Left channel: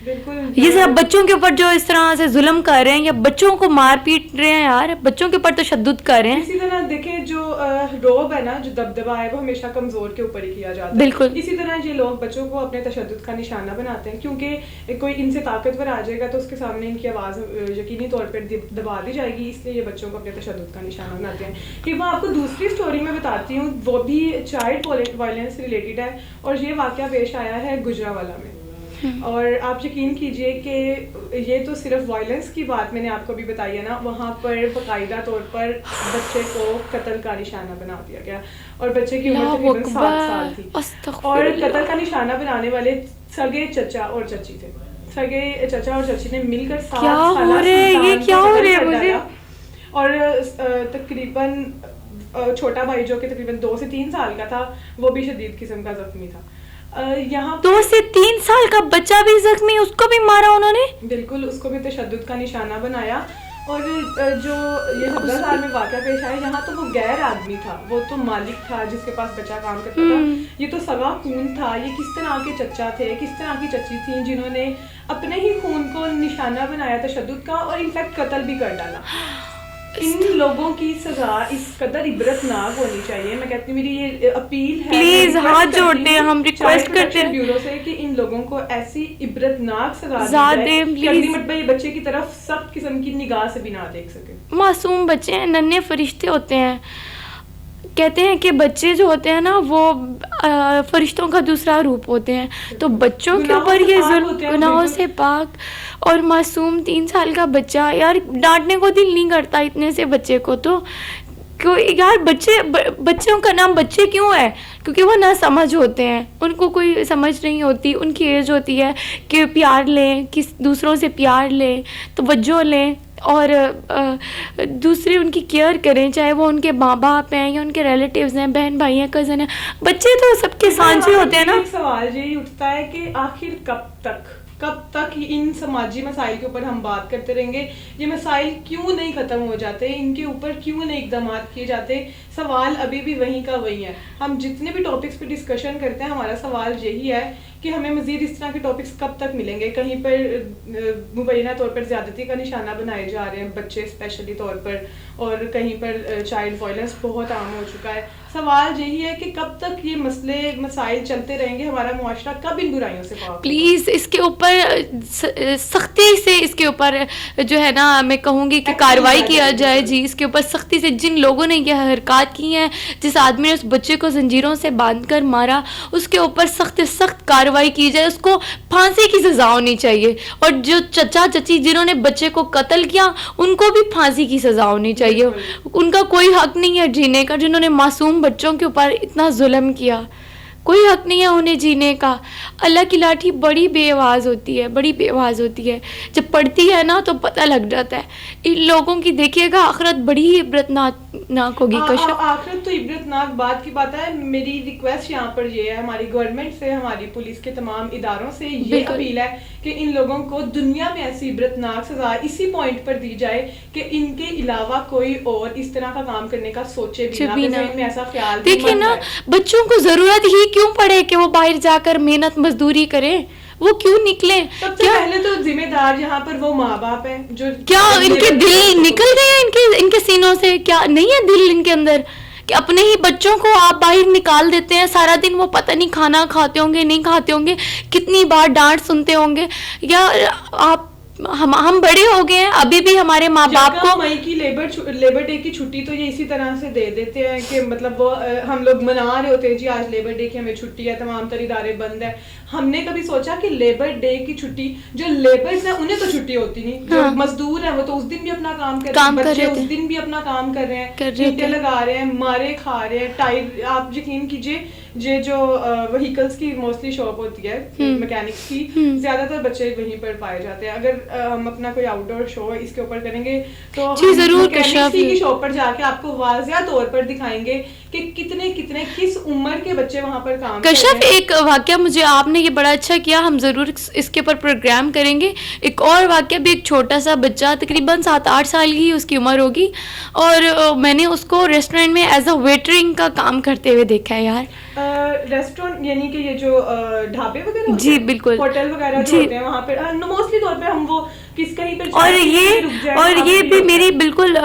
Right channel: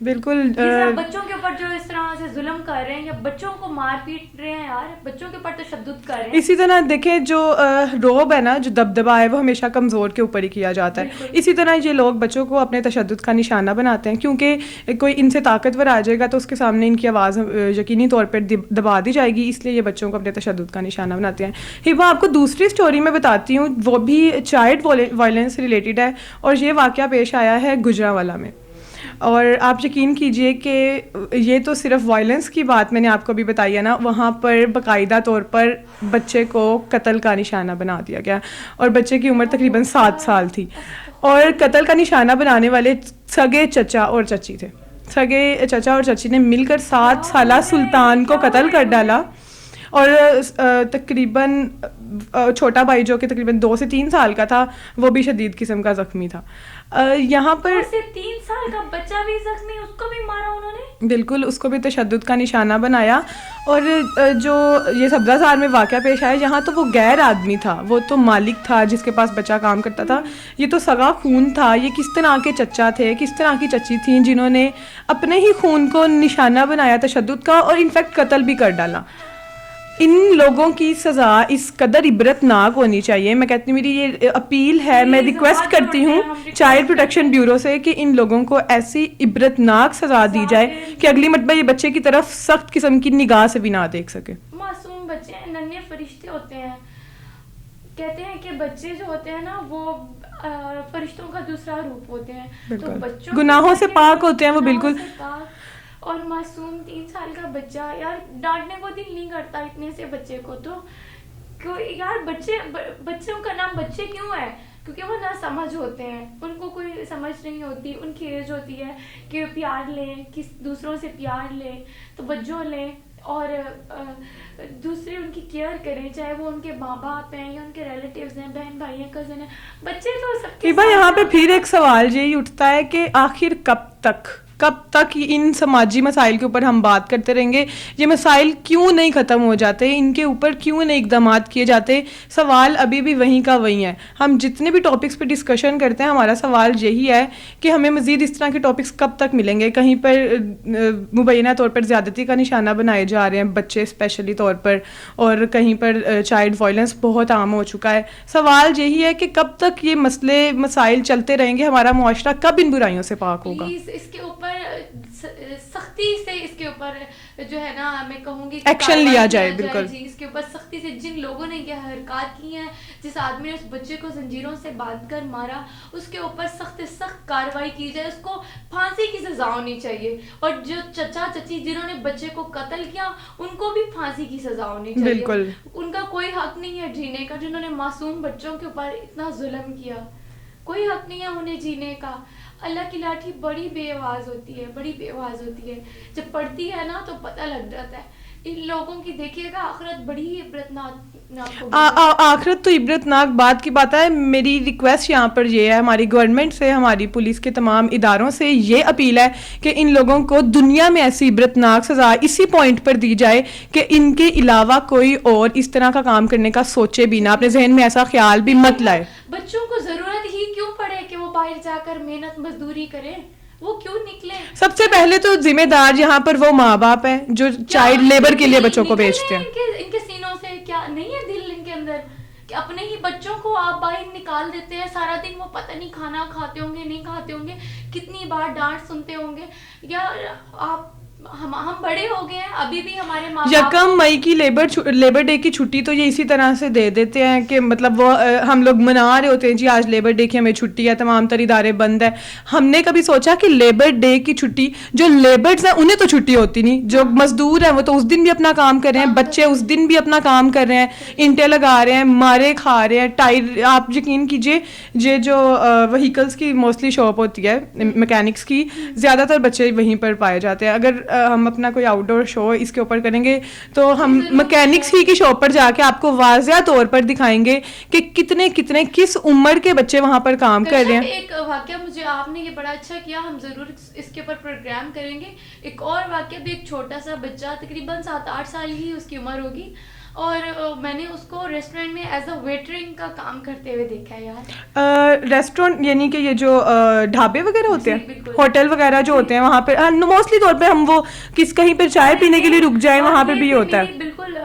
بالکل یہ صرف بچوں کے اوپر جو اس طرح سے ظلم کر رہے ہیں یا بچوں کو مار پیٹ رہے ہیں یار, بچوں کے اوپر تشدد کر رہے ہیں. اسی طرح دیکھیں جو روب ہے نا, جو دبدبا ہے, وہ ہمیشہ کمزور کے اوپر ہی کیا جاتا ہے. بالکل. اسی طرح یہ لوگ بچوں کو اپنے تشدد کا نشانہ بناتے ہیں, کیونکہ کوئی ان سے طاقتور آ جائے گا تو اس کے سامنے ان کی آواز یقینی طور پر دبا دی جائے گی, اس لیے یہ بچوں کو اپنے تشدد کا نشانہ بناتے ہیں. ہبا آپ کو دوسری اسٹوری میں بتاتی ہوں, وہ بھی چائلڈ وائلنس سے ریلیٹڈ ہے, اور یہ واقعہ پیش آیا ہے گجرانوالہ میں. اور آپ یقین کیجئے کہ یہ تو صرف وائلنس کی بات میں نے آپ کو بھی بتائی ہے نا, وہاں پر باقاعدہ طور پر بچے کو قتل کا نشانہ بنا دیا گیا, اور بچے کی عمر تقریباً 7 سال تھی, اور قتل کا نشانہ بنانے والے سگے چچا اور چچی تھے. سگے چچا اور چچی نے مل کر 7 سالہ سلطان کو قتل کر ڈالا, اور تقریباً چھوٹا بھائی جو کہ تقریباً 2 سے 3 سال کا تھا وہ بھی شدید قسم کا زخمی تھا. یہاں 2 سے 3 سال کا بچہ بھی زخمی, اس کو بھی مارا انہوں نے. بالکل, اس کو بھی تشدد کا نشانہ بنایا. اور جو یہ سبزہ میں واقعہ پیش آیا, یہاں تو وہ غیر آدمی تھا, وہ تو مالک تھا جس کے پاس بچہ کام کرتا تھا. یہ تو سگا خون تھا. یہ کس طرح کے چچا تھے, کس طرح کی چچی تھیں جنہوں نے اپنے ہی خون کو نشانہ بنایا تشدد کا, اور انفیکٹ قتل بھی کر ڈالا. ان لوگوں کی سزا اس قدر عبرت ناک ہونی چاہیے. میں کہتی ہوں, میری یہ اپیل ہے, میں ریکویسٹ کرتی ہوں چائلڈ پروٹیکشن بیورو سے کہ ان لوگوں کو ایسی عبرت ناک سزا دی جائے کہ اگلی مرتبہ یہ بچے کی طرف سخت قسم کی نگاہ سے بھی نہ دیکھ سکے. معصوم بچے ہیں, ننھے فرشتے ہوتے ہیں. کہتے ہیں کہ بچے جو ہوتے ہیں نا وہ فرشتوں کا دوسرا روپ ہوتے ہیں, تو بچوں کے گناہوں سے پاک ہوتے ہیں, گناہوں سے پاک. اور معصوم 3 سال کا بچہ, یار ڈانٹنے کو دل نہیں کرتا اتنے سے بچے کو. تو یار بچوں کا نام بچے کیوں ہے؟ کیونکہ وہ نہ سمجھ ہوتے ہیں, ان کو کوئی سمجھ نہیں ہوتی. ان کی ایج ہوتی ہے کہ پیار لیں, دوسروں سے پیار لیں, توجہ لیں, اور دوسرے ان کی کیئر کریں, چاہے وہ ان کے ماں باپ ہیں یا ان کے ریلیٹیوز ہیں, بہن بھائی ہیں, کزن ہیں. بچے تو سب کے ساتھ ہوتے ہیں. ایک سوال یہی اٹھتا ہے کہ آخر کب تک ان سماجی مسائل کے اوپر ہم بات کرتے رہیں گے؟ یہ مسائل کیوں نہیں ختم ہو جاتے؟ ان کے اوپر کیوں نہیں اقدامات کیے جاتے؟ سوال ابھی بھی وہیں کا وہیں ہے. ہم جتنے بھی ٹاپکس پہ ڈسکشن کرتے ہیں, ہمارا سوال یہی ہے کہ ہمیں مزید اس طرح کے ٹاپکس کب تک ملیں گے؟ کہیں پر مبینہ طور پر زیادتی کا نشانہ بنائے جا رہے ہیں بچے اسپیشلی طور پر, اور کہیں پر چائلڈ وائلنس بہت عام ہو چکا ہے. سوال یہی ہے کہ کب تک یہ مسائل چلتے رہیں گے؟ ہمارا معاشرہ کب ان برائیوں سے پاک ہوگا؟ پلیز اس کے اوپر سختی سے, اس کے اوپر جو ہے نا میں کہوں گی کہ کارروائی کیا جائے. جی, اس کے اوپر سختی سے جن لوگوں نے یہ حرکات کی ہیں, جس آدمی نے اس بچے کو زنجیروں سے باندھ کر مارا, اس کے اوپر سخت سخت کارروائی کی جائے. اس کو پھانسی کی سزا ہونی چاہیے, اور جو چچا چچی جنہوں نے بچے کو قتل کیا ان کو بھی پھانسی کی سزا ہونی چاہیے. ان کا کوئی حق نہیں ہے جینے کا. جنہوں نے معصوم بچوں کے اوپر اتنا ظلم کیا, کوئی حق نہیں ہے انہیں جینے کا. اللہ کی لاٹھی بڑی بے آواز ہوتی ہے, بڑی بے آواز ہوتی ہے. جب پڑتی ہے نا تو پتہ لگ جاتا ہے. ان لوگوں کی دیکھیے گا آخرت بڑی عبرت ناک ہوگی. آخرت تو عبرت ناک بات کی بات ہے. میری ریکویسٹ یہاں پر یہ ہے, ہماری گورنمنٹ سے, ہماری پولیس کے تمام اداروں سے یہ اپیل ہے کہ ان لوگوں کو دنیا میں ایسی عبرت ناک سزا اسی پوائنٹ پر دی جائے کہ ان کے علاوہ کوئی اور اس طرح کا کام کرنے کا سوچے بھی نہ, اپنے ذہن میں ایسا خیال بھی مت لائے. بچوں کو ضرورت ہی کیوں پڑے کہ وہ باہر جا کر محنت مزدوری کریں؟ وہ کیوں نکلے؟ سب سے پہلے تو ذمہ دار یہاں پر وہ ماں باپ ہے جو چائلڈ لیبر کے لیے بچوں کو بھیجتے ہیں. ان کے سینوں سے کیا نہیں ہے دل ان کے اندر کہ اپنے ہی بچوں کو آپ باہر نکال دیتے ہیں؟ سارا دن وہ پتہ نہیں کھانا کھاتے ہوں گے, نہیں کھاتے ہوں گے, کتنی بار ڈانٹ سنتے ہوں گے. یا آپ ہم بڑے ہو گئے ہیں, ابھی بھی ہمارے ماں باپ کو مئی کی لیبر ڈے کی چھٹی تو یہ اسی طرح سے دے دیتے ہیں کہ مطلب وہ ہم لوگ منا رہے ہوتے ہیں جی آج لیبر ڈے کی ہمیں چھٹی ہے, تمام تر ادارے بند ہے. ہم نے کبھی سوچا کہ لیبر ڈے کی چھٹی جو لیبرز ہیں انہیں تو چھٹی ہوتی نہیں, جو مزدور ہیں وہ تو اس دن بھی اپنا کام کر رہے ہیں, بچے اس دن بھی اپنا کام کر رہے ہیں, اینٹیں لگا رہے ہیں, مارے کھا رہے ہیں, ٹائر. آپ یقین کیجیے یہ جو وہیکلس کی موسٹلی شاپ ہوتی ہے میکینکس کی, زیادہ تر بچے وہیں پر پائے جاتے ہیں. اگر ہم اپنا کوئی آؤٹ ڈور شو اس کے اوپر کریں گے تو ہم میکینکس کی شاپ پر جا کے آپ کو واضح طور پر دکھائیں گے کہ کتنے کس عمر کے بچے وہاں پر کام کر رہے ہیں. ایک واقعہ مجھے آپ نے یہ بڑا اچھا کیا, ہم ضرور اس کے اوپر پروگرام کریں گے. ایک اور واقعہ بھی, ایک چھوٹا سا بچہ تقریباً 7-8 سال کی اس کی عمر ہوگی, اور میں نے اس کو ریسٹورینٹ میں ایز اے ویٹرنگ کا کام کرتے ہوئے دیکھا ہے. یار ریسٹورینٹ یعنی کہ یہ جو ڈھابے وغیرہ ہوتے جی ہیں, بالکل, ہوٹل وغیرہ جو ہوتے ہیں وہاں پہ موسٹلی طور پہ ہم وہ کہیں پہ چائے پینے کے لیے رک جائیں, اور وہاں پہ یہ بھی بھی ہوتا ہے. میری بالکل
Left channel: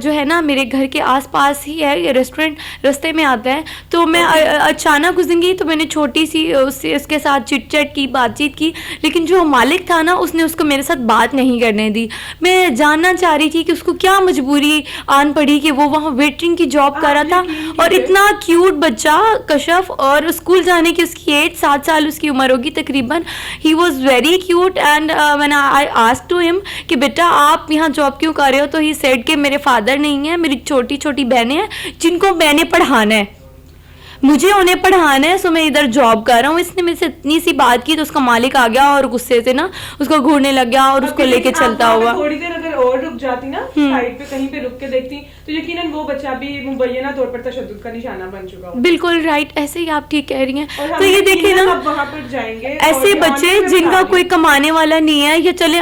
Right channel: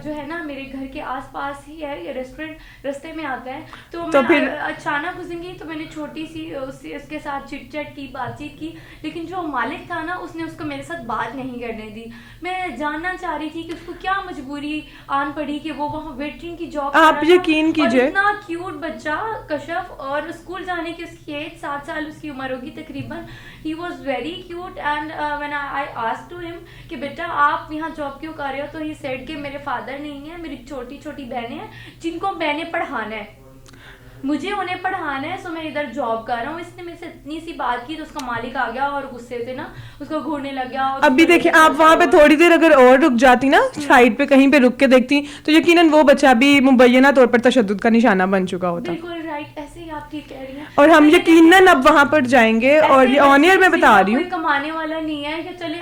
جو ہے نا میرے گھر کے آس پاس ہی ہے یہ ریسٹورینٹ, رستے میں آتا ہے. تو میں اچانک اس دن گئی تو میں نے چھوٹی سی اس کے ساتھ چٹ چٹ کی, بات چیت کی, لیکن جو مالک تھا نا اس نے اس کو میرے ساتھ بات نہیں کرنے دی. میں جاننا چاہ رہی تھی کہ اس کو کیا مجبوری آن پڑی کہ وہ وہاں ویٹرنگ کی جاب کر رہا تھا, اور اتنا کیوٹ بچہ کشف, اور اسکول جانے کی اس کی ایج 7 سال اس کی عمر ہوگی تقریباً. He was very cute and when I asked to him کہ بیٹا آپ یہاں جاب کیوں کر رہے ہو, تو ہی سیڈ کہ میرے فادر نہیں ہیں, میری چھوٹی چھوٹی بہنیں ہیں جن کو میں نے پڑھانا ہے, مجھے انہیں پڑھانا ہے, سو میں ادھر جاب کر رہا ہوں. اس نے مجھ سے اتنی سی بات کی تو اس کا مالک آ گیا اور غصے سے نا اس کو گھورنے لگ گیا اور اس کو لے کے چلتا ہوا. تھوڑی دیر اگر اور رک جاتی نا سائڈ پہ کہیں پہ رک کے دیکھتی تو یقیناً وہ بچہ بھی مبینہ طور پر تشدد کا نشانہ بن چکا ہوتا. بالکل رائٹ, ایسے ہی آپ ٹھیک کہہ رہی ہیں. اور ہم یقیناً اب وہاں پر جائیں گے, ایسے بچے جن کا کوئی کمانے والا نہیں ہے, یا چلیں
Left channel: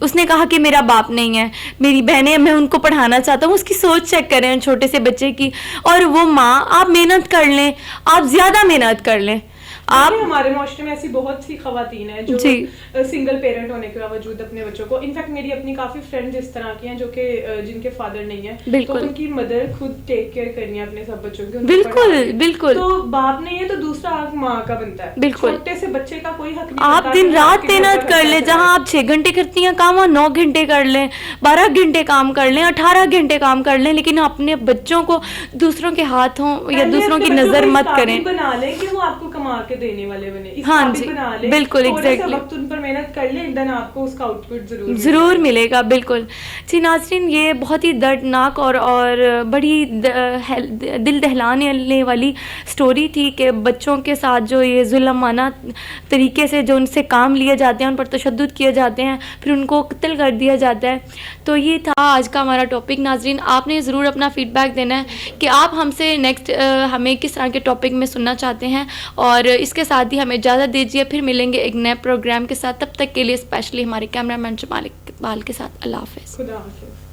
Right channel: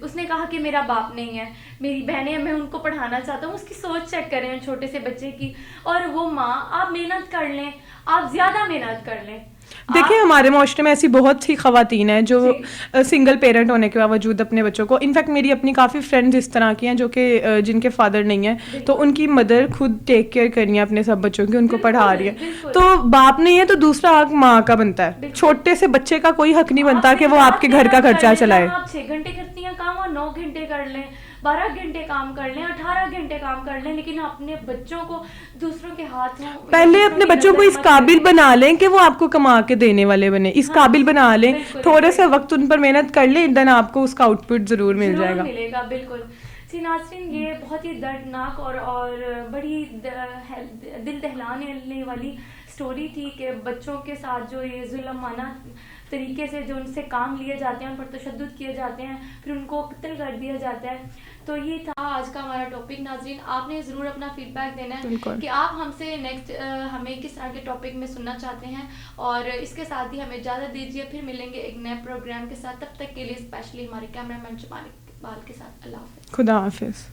اس نے کہا کہ میرا باپ نہیں ہے, میری بہنیں میں ان کو پڑھانا چاہتا ہوں, اس کی سوچ چیک کریں چھوٹے سے بچے کی. اور وہ ماں, آپ محنت کر لیں, آپ زیادہ محنت کر لیں. دیکھیں ہمارے معاشرے میں ایسی بہت سی خواتین ہیں جو سنگل پیرنٹ ہونے کے باوجود اپنے بچوں کو, انفیکٹ میری اپنی کافی فرینڈز اس طرح کی ہیں جو کہ جن کے فادر نہیں ہیں, تو ان کی مدر خود ٹیک کیئر کرنی ہے اپنے سب بچوں کی, ان کو پڑھا رہی ہے. تو باپ نہیں ہے تو دوسرا حق ماں کا بنتا ہے. چھوٹے سے بچے کا کوئی حق نہیں بنتا کہ وہ آپ کے گھر کا خرچہ چلائے. جہاں آپ 6 گھنٹے کرتی ہیں کام, 9 گھنٹے کر لیں, 12 گھنٹے کام کر لیں, 18 گھنٹے کام کر لیں, لیکن اپنے بچوں کو دوسروں کے ہاتھوں یا دوسروں کی نظر مت کریں. قابل بنا لیں کہ وہ آپ کو کما کے دینے والے بنے, اس قابل بنا لیں, تھوڑے سے وقت ان پر محنت کر لیں, دن آپ کو اس کا آؤٹ پٹ ضرور ملے گا. بالکل. جی ناظرین, یہ بہت ہی دردناک اور بڑی دل دہلانے والی سٹوری تھی کہ بچوں کے ساتھ جو یہ ظلمانہ طریقے سے جو ان سے کام لیے جاتے ہیں, ان پر تشدد کیے جاتے ہیں, پھر ان کو قتل کر دیا جاتا ہے. تو یہ تھا آج کا ہمارا ٹاپک. ناظرین, آپ نے ضرور اپنا فیڈ بیک دینا ہے کہ آپ ہم سے نیکسٹ ہمیں کس طرح کے ٹاپک میں سننا چاہتے ہیں, اور اس کے ساتھ ہی ہمیں اجازت دیجیے, پھر ملیں گے ایک نئے پروگرام کے ساتھ. تب تک کے لیے اسپیشلی ہمارے کیمرہ مین جمال اقبال کے ساتھ اللہ حافظ. خدا حافظ.